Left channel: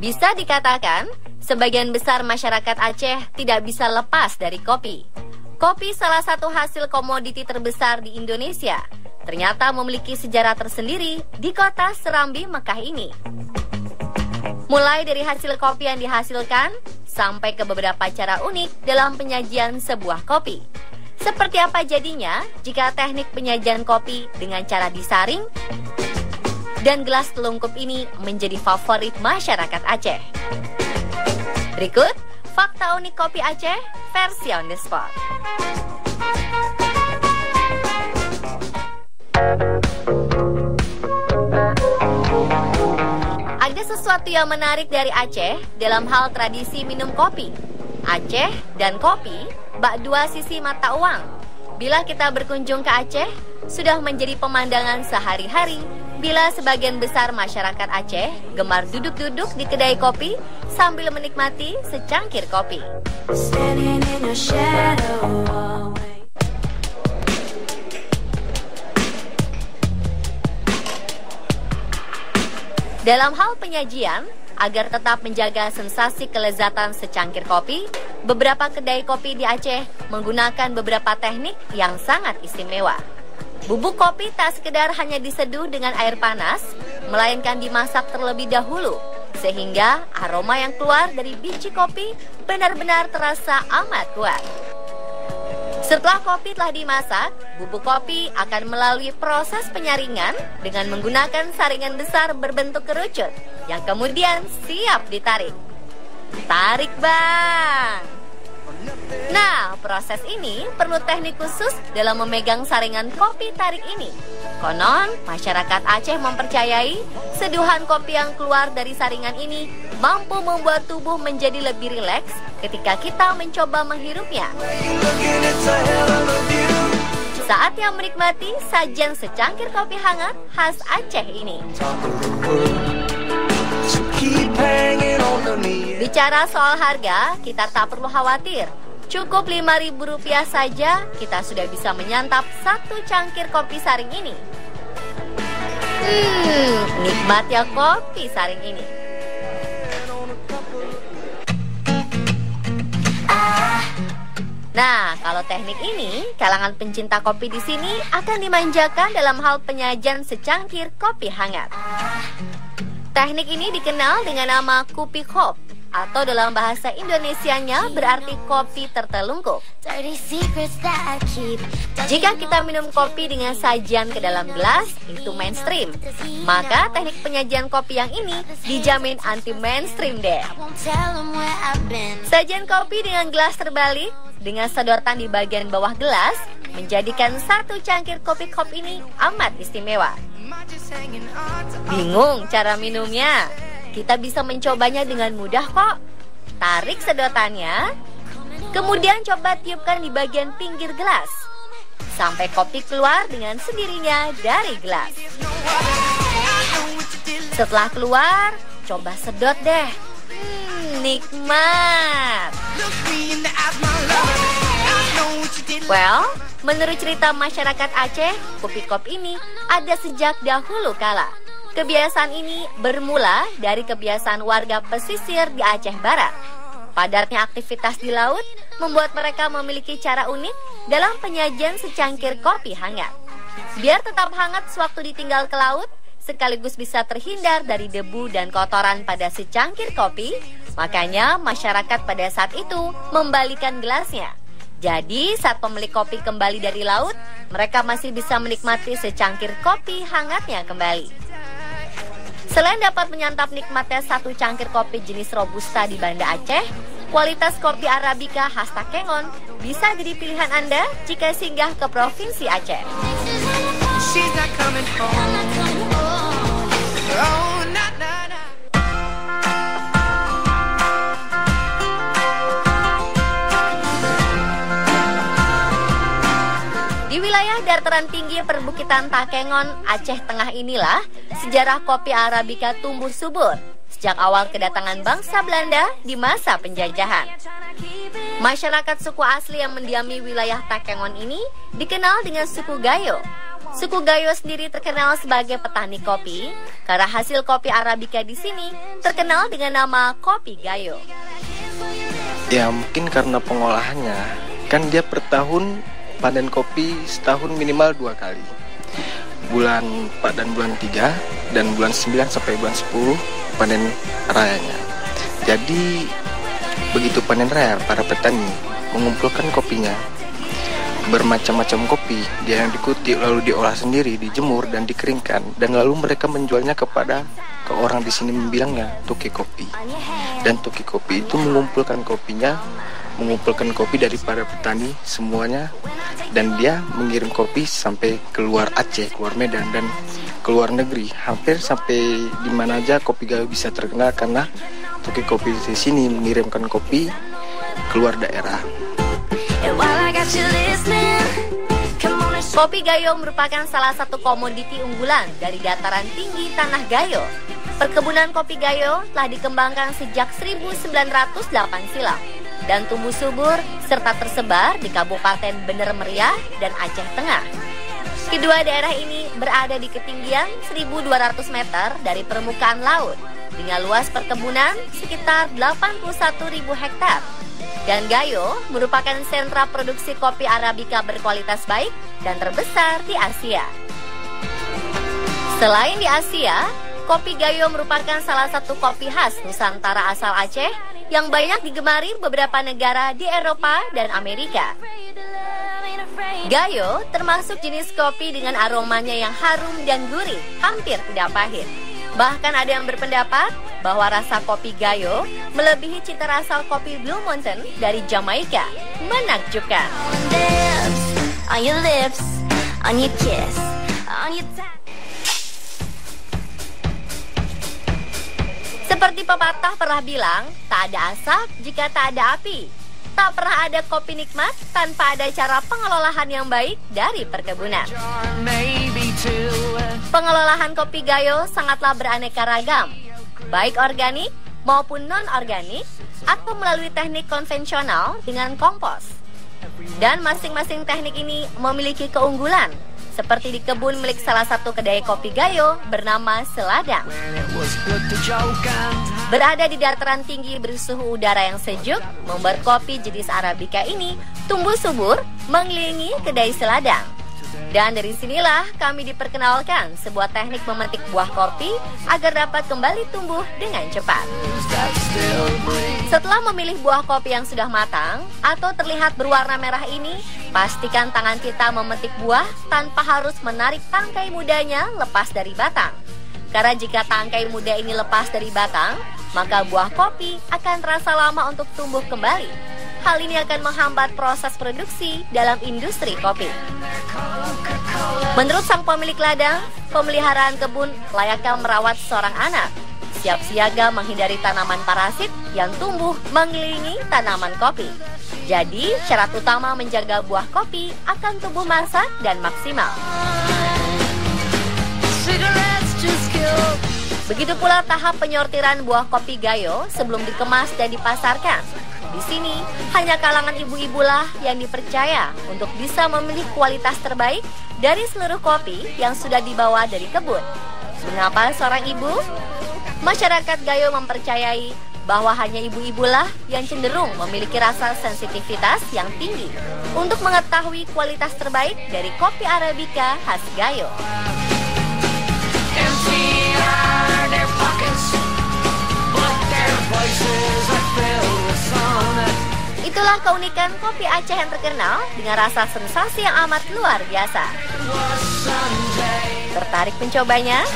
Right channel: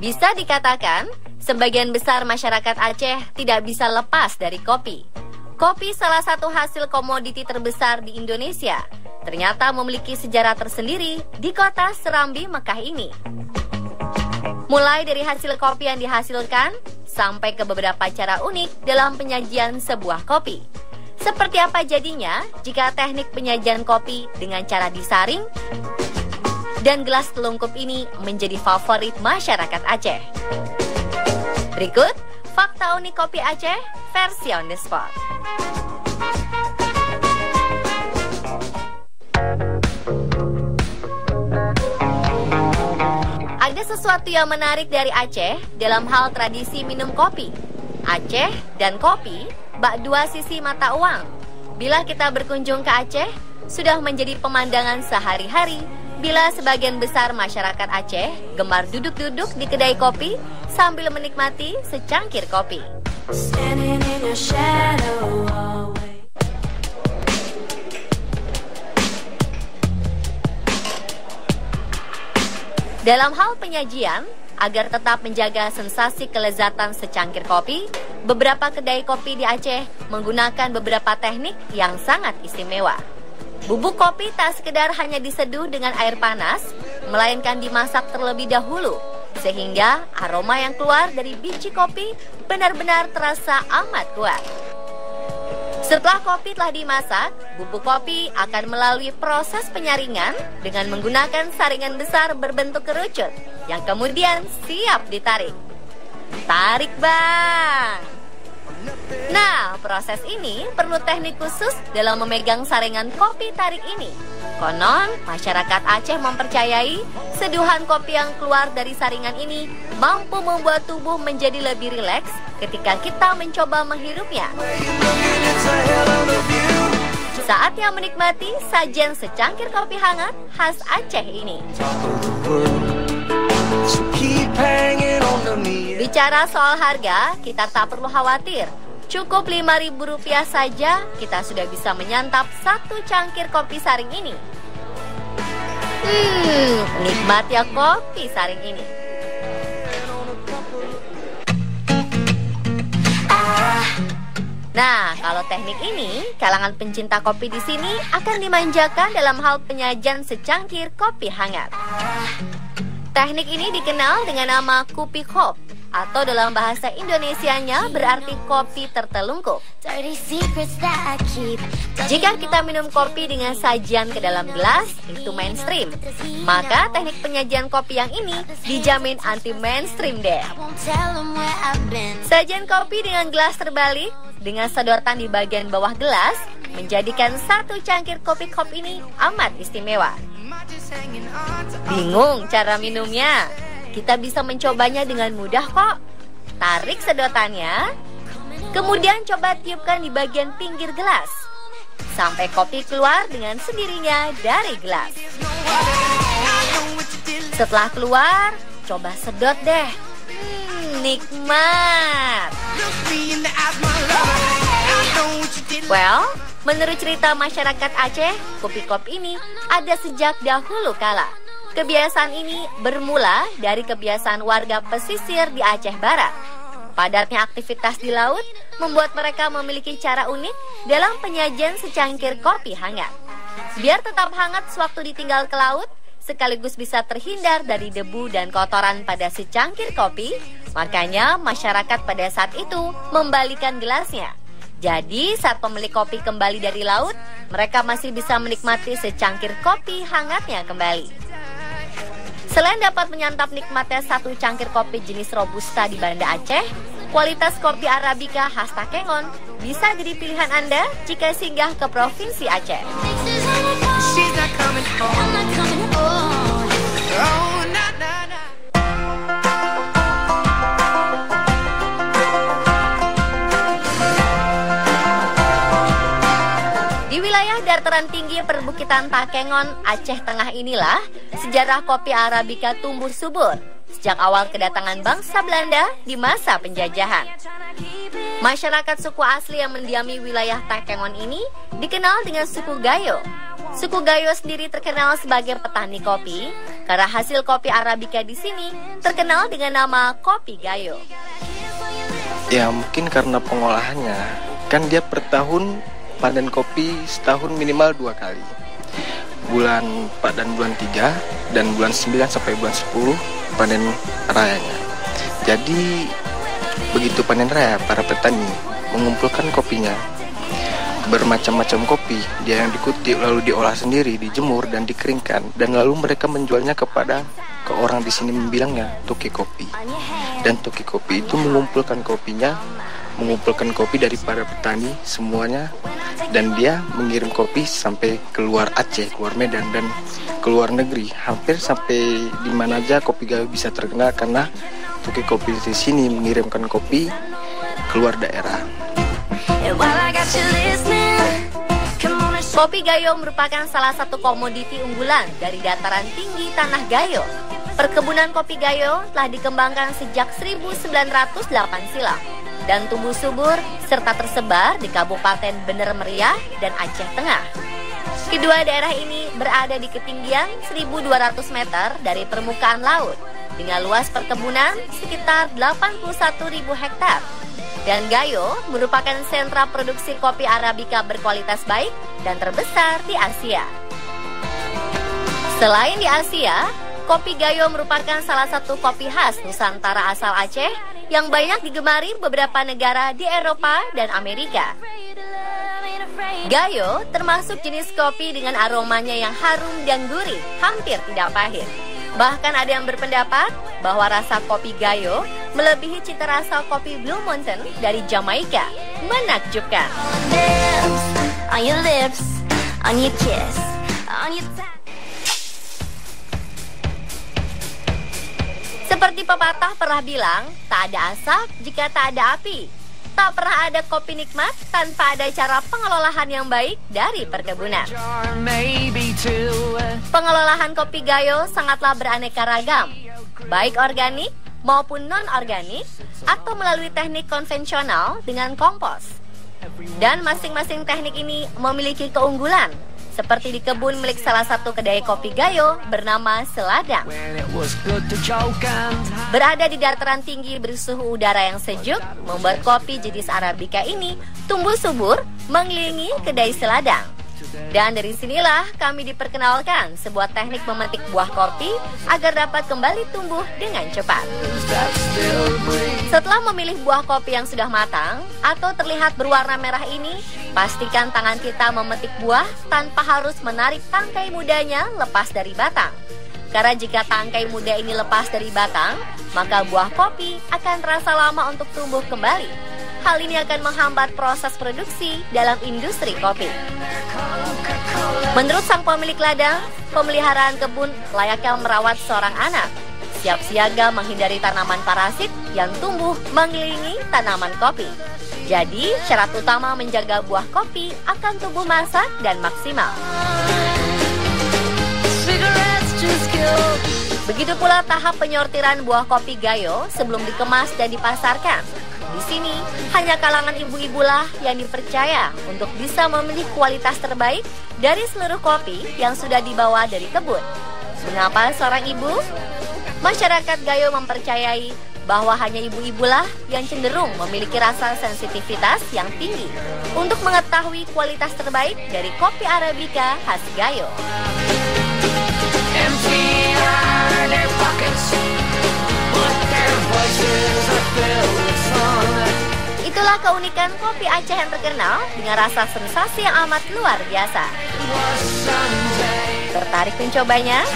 Bisa dikatakan, sebagian besar masyarakat Aceh tidak bisa lepas dari kopi. Kopi salah satu hasil komoditi terbesar di Indonesia. Ternyata memiliki sejarah tersendiri di kota Serambi, Mekah ini. Mulai dari hasil kopi yang dihasilkan, sampai ke beberapa cara unik dalam penyajian sebuah kopi. Seperti apa jadinya jika teknik penyajian kopi dengan cara disaring dan gelas telungkup ini menjadi favorit masyarakat Aceh. Berikut fakta unik kopi Aceh versi on the spot. Ada sesuatu yang menarik dari Aceh dalam hal tradisi minum kopi. Aceh dan kopi bak dua sisi mata uang. Bila kita berkunjung ke Aceh, sudah menjadi pemandangan sehari-hari bila sebagian besar masyarakat Aceh gemar duduk-duduk di kedai kopi sambil menikmati secangkir kopi. Dalam hal penyajian, agar tetap menjaga sensasi kelezatan secangkir kopi, beberapa kedai kopi di Aceh menggunakan beberapa teknik yang sangat istimewa. Bubuk kopi tak sekedar hanya diseduh dengan air panas, melainkan dimasak terlebih dahulu, sehingga aroma yang keluar dari biji kopi benar-benar terasa amat kuat. Setelah kopi telah dimasak, bubuk kopi akan melalui proses penyaringan dengan menggunakan saringan besar berbentuk kerucut yang kemudian siap ditarik. Tarik, Bang! Nah, proses ini perlu teknik khusus dalam memegang saringan kopi tarik ini. Konon, masyarakat Aceh mempercayai seduhan kopi yang keluar dari saringan ini mampu membuat tubuh menjadi lebih rileks ketika kita mencoba menghirupnya. Saatnya menikmati sajian secangkir kopi hangat khas Aceh ini. Bicara soal harga, kita tak perlu khawatir. Cukup Rp5.000 saja, kita sudah bisa menyantap satu cangkir kopi saring ini. Nikmat ya kopi saring ini. Nah, kalau teknik ini, kalangan pencinta kopi di sini akan dimanjakan dalam hal penyajian secangkir kopi hangat. Teknik ini dikenal dengan nama kupi kop, atau dalam bahasa Indonesianya berarti kopi tertelungkup. Jika kita minum kopi dengan sajian ke dalam gelas, itu mainstream. Maka teknik penyajian kopi yang ini dijamin anti mainstream deh. Sajian kopi dengan gelas terbalik, dengan sedotan di bagian bawah gelas, menjadikan satu cangkir kopi kop ini amat istimewa. Bingung cara minumnya? Kita bisa mencobanya dengan mudah kok. Tarik sedotannya, kemudian coba tiupkan di bagian pinggir gelas sampai kopi keluar dengan sendirinya dari gelas. Setelah keluar, coba sedot deh. Nikmat. Well, menurut cerita masyarakat Aceh, kopi kop ini ada sejak dahulu kala. Kebiasaan ini bermula dari kebiasaan warga pesisir di Aceh Barat. Padatnya aktivitas di laut membuat mereka memiliki cara unik dalam penyajian secangkir kopi hangat. Biar tetap hangat sewaktu ditinggal ke laut, sekaligus bisa terhindar dari debu dan kotoran pada secangkir kopi, makanya masyarakat pada saat itu membalikan gelasnya. Jadi saat pemilik kopi kembali dari laut, mereka masih bisa menikmati secangkir kopi hangatnya kembali. Selain dapat menyantap nikmatnya satu cangkir kopi jenis Robusta di Banda Aceh, kualitas kopi Arabica khas Takengon bisa jadi pilihan Anda jika singgah ke Provinsi Aceh. Di wilayah dataran tinggi perbukitan Takengon, Aceh Tengah inilah sejarah kopi Arabica tumbuh subur sejak awal kedatangan bangsa Belanda di masa penjajahan. Masyarakat suku asli yang mendiami wilayah Takengon ini dikenal dengan suku Gayo. Suku Gayo sendiri terkenal sebagai petani kopi karena hasil kopi Arabica di sini terkenal dengan nama kopi Gayo. Ya mungkin karena pengolahannya, kan dia per tahun panen kopi setahun minimal 2 kali. Panen bulan 3 dan bulan 9 sampai bulan 10 panen rayanya. Jadi begitu panen raya, para petani mengumpulkan kopinya. Bermacam-macam kopi, dia yang dikutip lalu diolah sendiri, dijemur dan dikeringkan, dan lalu mereka menjualnya ke orang di sini bilangnya toke kopi. Dan toke kopi itu mengumpulkan kopi dari para petani semuanya, dan dia mengirim kopi sampai keluar Aceh, keluar Medan, dan keluar negeri. Hampir sampai di mana aja kopi Gayo bisa terkenal karena toke kopi di sini mengirimkan kopi keluar daerah. Kopi Gayo merupakan salah satu komoditi unggulan dari dataran tinggi Tanah Gayo. Perkebunan kopi Gayo telah dikembangkan sejak 1908 silam dan tumbuh subur serta tersebar di Kabupaten Bener Meriah dan Aceh Tengah. Kedua daerah ini berada di ketinggian 1.200 meter dari permukaan laut dengan luas perkebunan sekitar 81.000 hektar. Dan Gayo merupakan sentra produksi kopi Arabica berkualitas baik dan terbesar di Asia. Selain di Asia, kopi Gayo merupakan salah satu kopi khas Nusantara asal Aceh yang banyak digemari beberapa negara di Eropa dan Amerika. Gayo termasuk jenis kopi dengan aromanya yang harum dan gurih, hampir tidak pahit. Bahkan ada yang berpendapat bahwa rasa kopi Gayo melebihi cita rasa kopi Blue Mountain dari Jamaika. Menakjubkan. On your lips, on your kiss, on your tongue. Seperti pepatah pernah bilang, tak ada asap jika tak ada api. Tak pernah ada kopi nikmat tanpa ada cara pengelolaan yang baik dari perkebunan. Pengelolaan kopi Gayo sangatlah beraneka ragam, baik organik maupun non-organik atau melalui teknik konvensional dengan kompos. Dan masing-masing teknik ini memiliki keunggulan, seperti di kebun milik salah satu kedai kopi Gayo bernama Seladang. Berada di dataran tinggi bersuhu udara yang sejuk, membuat kopi jenis Arabica ini tumbuh subur mengelilingi kedai Seladang. Dan dari sinilah kami diperkenalkan sebuah teknik memetik buah kopi agar dapat kembali tumbuh dengan cepat. Setelah memilih buah kopi yang sudah matang atau terlihat berwarna merah ini, pastikan tangan kita memetik buah tanpa harus menarik tangkai mudanya lepas dari batang. Karena jika tangkai muda ini lepas dari batang, maka buah kopi akan terasa lama untuk tumbuh kembali. Hal ini akan menghambat proses produksi dalam industri kopi. Menurut sang pemilik ladang, pemeliharaan kebun layaknya merawat seorang anak. Siap siaga menghindari tanaman parasit yang tumbuh mengelilingi tanaman kopi. Jadi, syarat utama menjaga buah kopi akan tumbuh masak dan maksimal. Begitu pula tahap penyortiran buah kopi Gayo sebelum dikemas dan dipasarkan. Di sini, hanya kalangan ibu-ibulah yang dipercaya untuk bisa memilih kualitas terbaik dari seluruh kopi yang sudah dibawa dari kebun. Mengapa seorang ibu? Masyarakat Gayo mempercayai bahwa hanya ibu-ibulah yang cenderung memiliki rasa sensitivitas yang tinggi untuk mengetahui kualitas terbaik dari kopi Arabica khas Gayo. Itulah keunikan kopi Aceh yang terkenal dengan rasa sensasi yang amat luar biasa. Tertarik mencobanya?